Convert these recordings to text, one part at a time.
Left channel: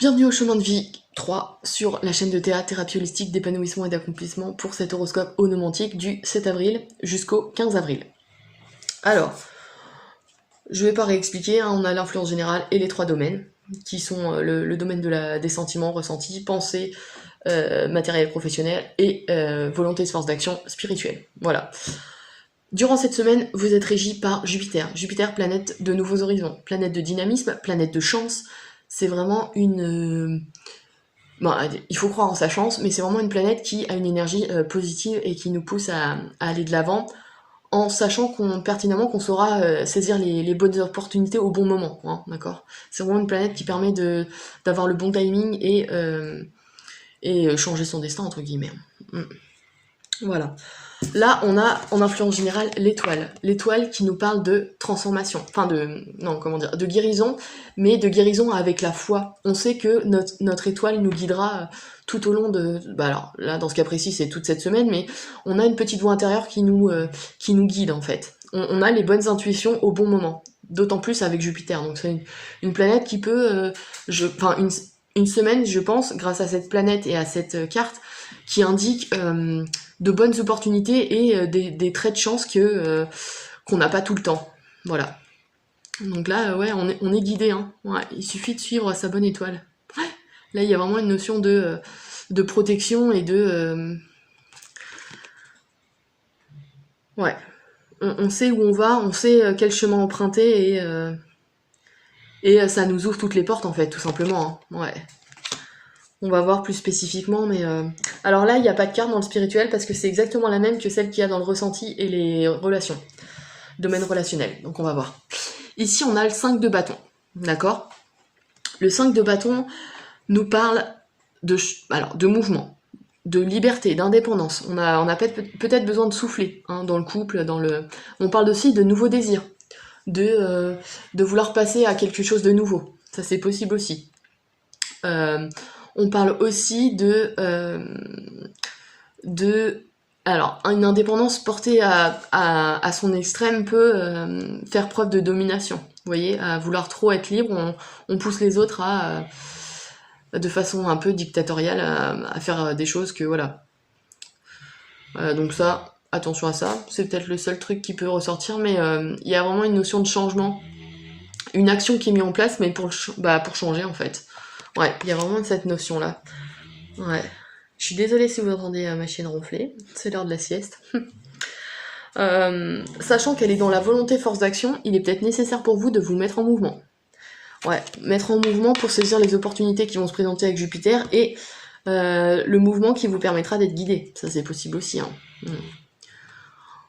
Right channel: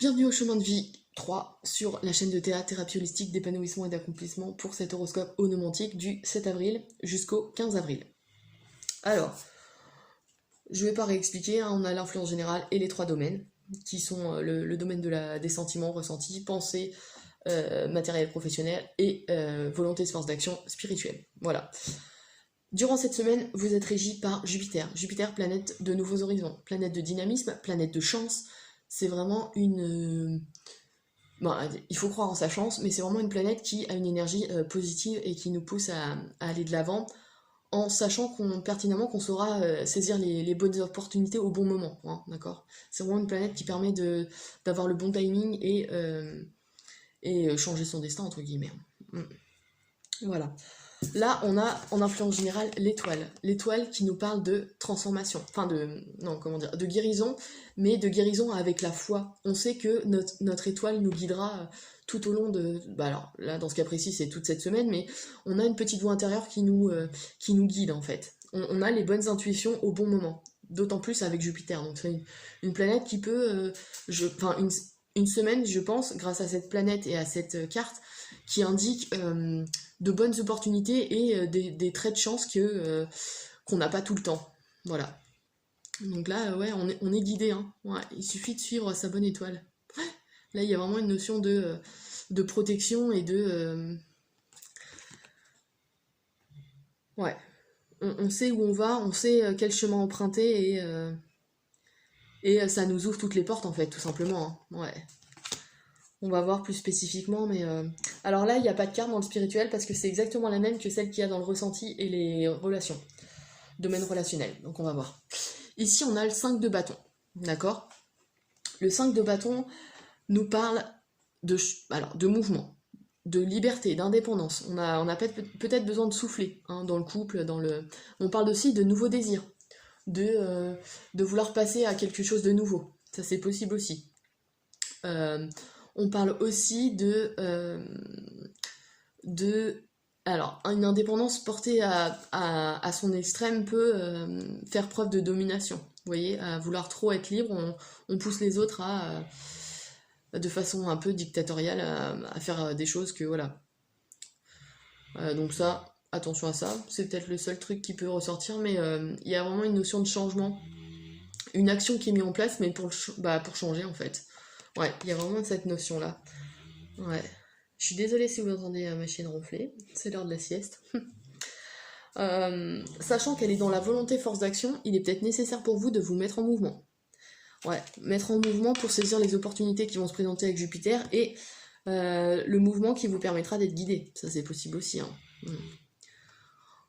Bienvenue au chemin de vie 3 sur la chaîne de théâtre, thérapie holistique, d'épanouissement et d'accomplissement pour cet horoscope onomantique du 7 avril jusqu'au 15 avril. Alors, je vais pas réexpliquer, hein, on a l'influence générale et les trois domaines, qui sont le domaine des sentiments ressentis, pensée, matériel professionnel et volonté, force d'action spirituelle. Voilà. Durant cette semaine, vous êtes régi par Jupiter. Jupiter, planète de nouveaux horizons, planète de dynamisme, planète de chance. C'est vraiment une... Bon, il faut croire en sa chance, mais c'est vraiment une planète qui a une énergie positive et qui nous pousse à aller de l'avant en sachant pertinemment qu'on saura saisir les bonnes opportunités au bon moment, hein, d'accord. C'est vraiment une planète qui permet d'avoir le bon timing et changer son destin, entre guillemets. Voilà. Là, on a en influence générale l'étoile. L'étoile qui nous parle de transformation, enfin de guérison, mais de guérison avec la foi. On sait que notre étoile nous guidera tout au long de... Bah alors, là, dans ce cas précis, c'est toute cette semaine, mais on a une petite voix intérieure qui nous guide, en fait. On a les bonnes intuitions au bon moment. D'autant plus avec Jupiter. Donc c'est une planète qui peut... une semaine, je pense, grâce à cette planète et à cette carte, qui indique de bonnes opportunités et des traits de chance qu'on n'a pas tout le temps. Voilà. Donc là, ouais, on est guidé. Hein. Ouais, il suffit de suivre sa bonne étoile. Ouais. Là, il y a vraiment une notion de protection et de... Ouais. On sait où on va, on sait quel chemin emprunter et ça nous ouvre toutes les portes, en fait, tout simplement. Hein. Ouais. On va voir plus spécifiquement, mais... Alors là, il n'y a pas de carte dans le spirituel parce que c'est exactement la même que celle qu'il y a dans le ressenti et les relations. Domaine relationnel, donc on va voir. Ici, on a le 5 de bâton, d'accord? Le 5 de bâton nous parle de mouvement, de liberté, d'indépendance. On a peut-être besoin de souffler hein, dans le couple, On parle aussi de nouveaux désirs, de vouloir passer à quelque chose de nouveau. Ça, c'est possible aussi. On parle aussi alors, une indépendance portée à son extrême peut faire preuve de domination. Vous voyez, à vouloir trop être libre, on pousse les autres de façon un peu dictatoriale à faire des choses que voilà. Donc ça, attention à ça. C'est peut-être le seul truc qui peut ressortir, mais il y a vraiment une notion de changement. Une action qui est mise en place, mais pour changer en fait. Ouais, il y a vraiment cette notion-là. Ouais. Je suis désolée si vous entendez ma chienne ronfler. C'est l'heure de la sieste. Sachant qu'elle est dans la volonté force d'action, il est peut-être nécessaire pour vous de vous mettre en mouvement. Ouais, mettre en mouvement pour saisir les opportunités qui vont se présenter avec Jupiter et le mouvement qui vous permettra d'être guidé. Ça, c'est possible aussi. Hein.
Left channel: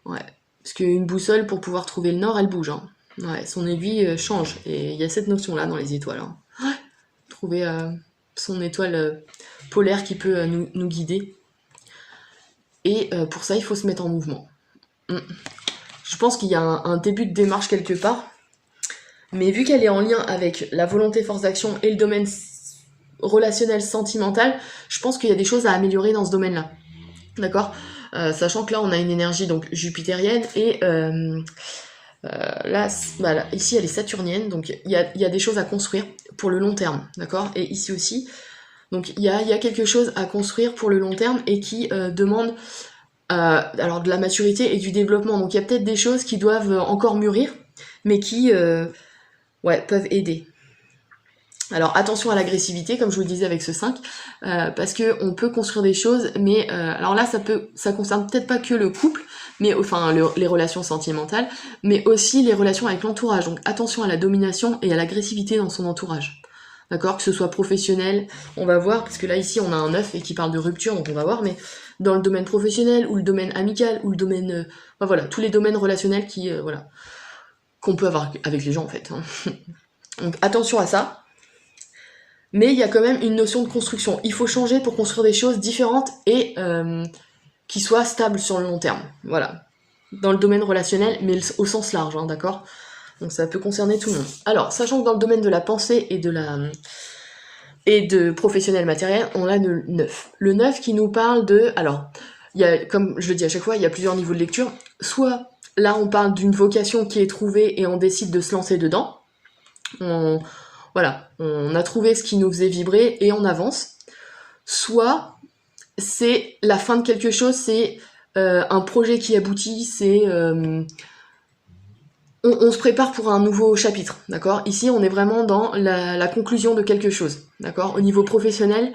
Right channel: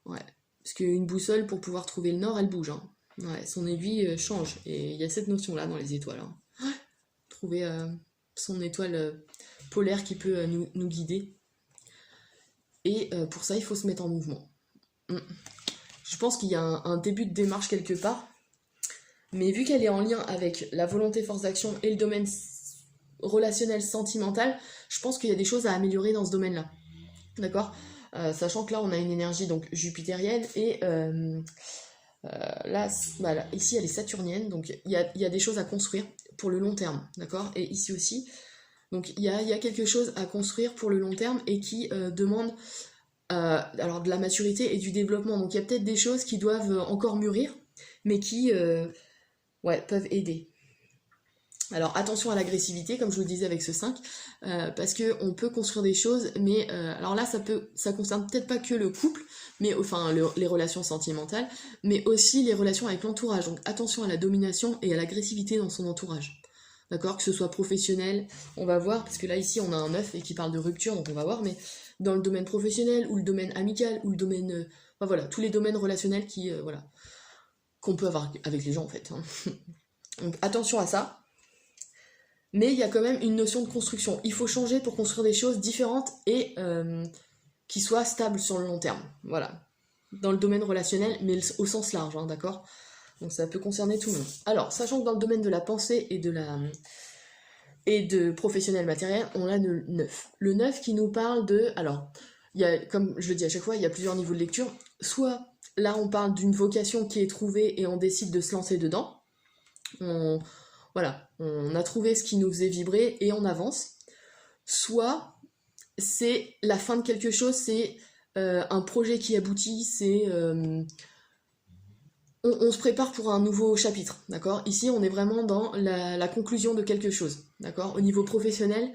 Ouais. Parce qu'une boussole, pour pouvoir trouver le nord, elle bouge. Hein. Ouais, son aiguille change. Et il y a cette notion-là dans les étoiles. Hein. Ouais. Trouver son étoile polaire qui peut nous guider. Et pour ça, il faut se mettre en mouvement. Je pense qu'il y a un début de démarche quelque part. Mais vu qu'elle est en lien avec la volonté force d'action et le domaine relationnel sentimental, je pense qu'il y a des choses à améliorer dans ce domaine-là. D'accord ? Sachant que là, on a une énergie donc jupitérienne et... là, ici elle est saturnienne, donc il y a des choses à construire pour le long terme, d'accord? Et ici aussi, donc il y a quelque chose à construire pour le long terme et qui demande alors de la maturité et du développement. Donc il y a peut-être des choses qui doivent encore mûrir, mais qui peuvent aider. Alors attention à l'agressivité, comme je vous le disais avec ce 5, parce qu'on peut construire des choses, mais alors là ça concerne peut-être pas que le couple, mais enfin les relations sentimentales, mais aussi les relations avec l'entourage. Donc attention à la domination et à l'agressivité dans son entourage. D'accord, que ce soit professionnel, on va voir, parce que là ici on a un 9 et qui parle de rupture, donc on va voir, mais dans le domaine professionnel, ou le domaine amical, ou le domaine... voilà, tous les domaines relationnels qu'on peut avoir avec les gens en fait. Hein. Donc attention à ça. Mais il y a quand même une notion de construction. Il faut changer pour construire des choses différentes et qui soient stables sur le long terme. Voilà. Dans le domaine relationnel, mais au sens large, hein, d'accord ? Donc ça peut concerner tout le monde. Alors, sachant que dans le domaine de la pensée et de professionnel matériel, on a le 9. Le 9 qui nous parle de... Alors, comme je le dis à chaque fois, il y a plusieurs niveaux de lecture. Soit, là, on parle d'une vocation qui est trouvée et on décide de se lancer dedans. voilà, on a trouvé ce qui nous faisait vibrer et on avance. Soit c'est la fin de quelque chose, c'est un projet qui aboutit, c'est... on se prépare pour un nouveau chapitre, d'accord? Ici, on est vraiment dans la conclusion de quelque chose, d'accord? Au niveau professionnel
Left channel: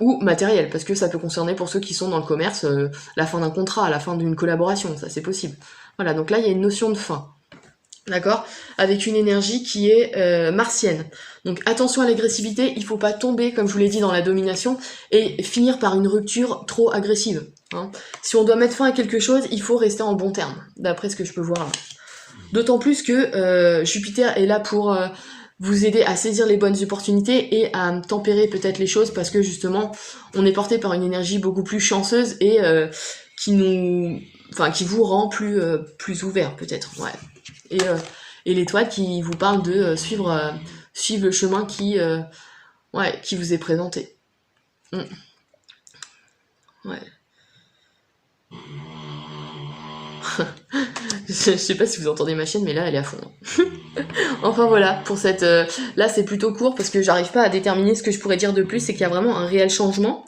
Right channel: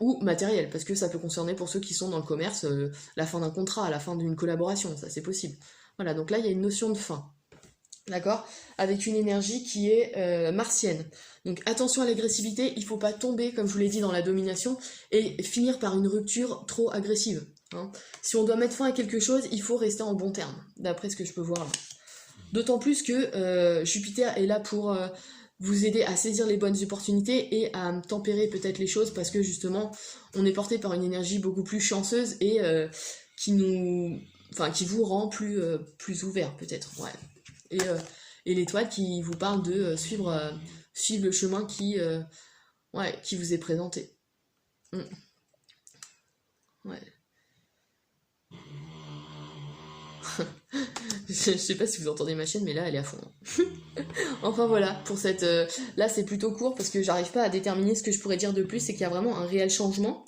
ou matériel, parce que ça peut concerner pour ceux qui sont dans le commerce, la fin d'un contrat, la fin d'une collaboration, ça c'est possible. Voilà, donc là, il y a une notion de fin, d'accord? Avec une énergie qui est martienne. Donc attention à l'agressivité, il faut pas tomber, comme je vous l'ai dit, dans la domination, et finir par une rupture trop agressive. Hein. Si on doit mettre fin à quelque chose, il faut rester en bon terme, d'après ce que je peux voir là. D'autant plus que Jupiter est là pour vous aider à saisir les bonnes opportunités et à tempérer peut-être les choses parce que justement on est porté par une énergie beaucoup plus chanceuse et qui vous rend plus ouvert peut-être. Ouais. Et l'étoile qui vous parle de suivre le chemin qui vous est présenté. Ouais. Je sais pas si vous entendez ma chienne, mais là elle est à fond. Enfin voilà, pour cette... là c'est plutôt court parce que j'arrive pas à déterminer ce que je pourrais dire de plus, c'est qu'il y a vraiment un réel changement.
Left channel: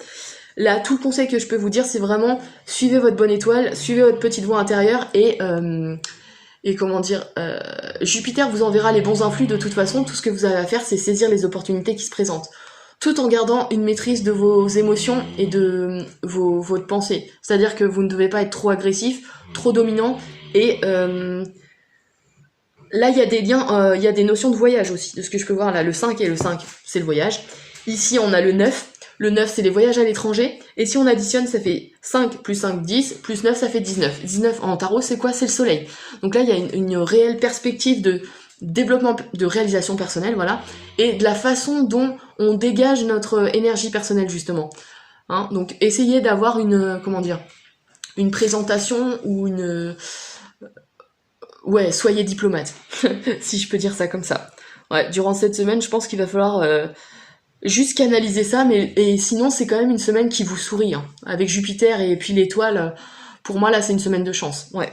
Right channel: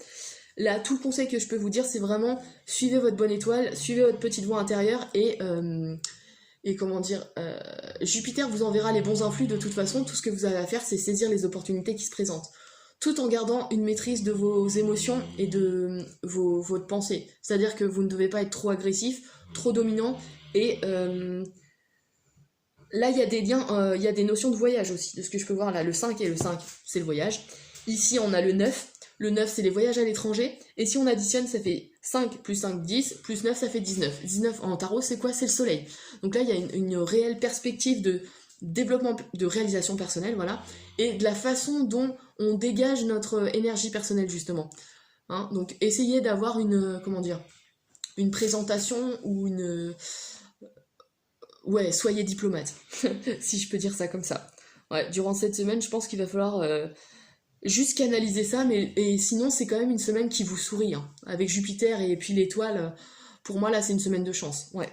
Là, tout le conseil que je peux vous dire, c'est vraiment suivez votre bonne étoile, suivez votre petite voix intérieure et comment dire, Jupiter vous enverra les bons influx de toute façon. Tout ce que vous avez à faire, c'est saisir les opportunités qui se présentent, tout en gardant une maîtrise de vos émotions et de votre pensée. C'est-à-dire que vous ne devez pas être trop agressif, trop dominant, et là il y a des liens, il y a des notions de voyage aussi, de ce que je peux voir là. Le 5 et le 5, c'est le voyage. Ici on a le 9. Le 9, c'est les voyages à l'étranger. Et si on additionne, ça fait 5 plus 5, 10, plus 9, ça fait 19. 19 en tarot, c'est quoi? C'est le soleil. Donc là, il y a une réelle perspective de développement, de réalisation personnelle, voilà. Et de la façon dont on dégage notre énergie personnelle, justement. Hein, donc, essayez d'avoir une présentation ou une... Ouais, soyez diplomate, si je peux dire ça comme ça. Ouais, durant cette semaine, je pense qu'il va falloir... juste canaliser ça, et sinon c'est quand même une semaine qui vous sourit, hein. Avec Jupiter et puis l'étoile, pour moi là c'est une semaine de chance, ouais.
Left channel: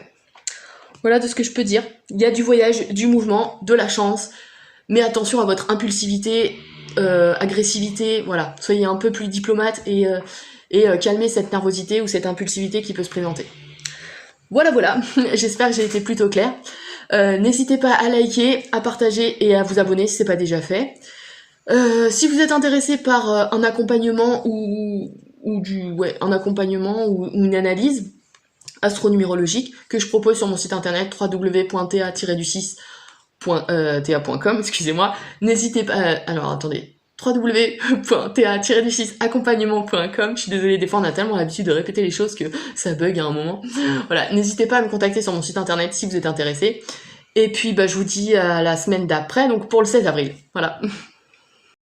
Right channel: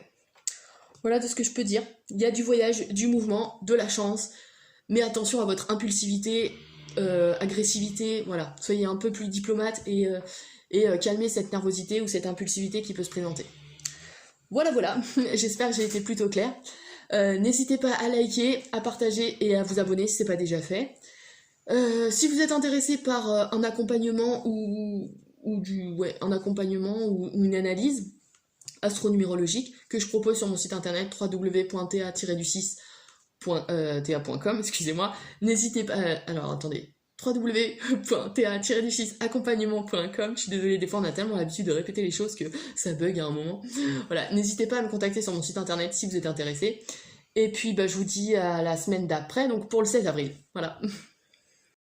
Voilà de ce que je peux dire, il y a du voyage, du mouvement, de la chance, mais attention à votre impulsivité, agressivité, voilà, soyez un peu plus diplomate et calmez cette nervosité ou cette impulsivité qui peut se présenter. Voilà, j'espère que j'ai été plutôt claire. N'hésitez pas à liker, à partager et à vous abonner si c'est pas déjà fait. Si vous êtes intéressé par un accompagnement ou un accompagnement ou une analyse astronumérologique que je propose sur mon site internet www.ta-6.ta.com, excusez-moi, n'hésitez pas. Alors attendez, www.ta-6accompagnement.com. Je suis désolée, des fois on a tellement l'habitude de répéter les choses que ça bug à un moment. Voilà, n'hésitez pas à me contacter sur mon site internet si vous êtes intéressé. Et puis je vous dis à la semaine d'après, donc pour le 16 avril. Voilà.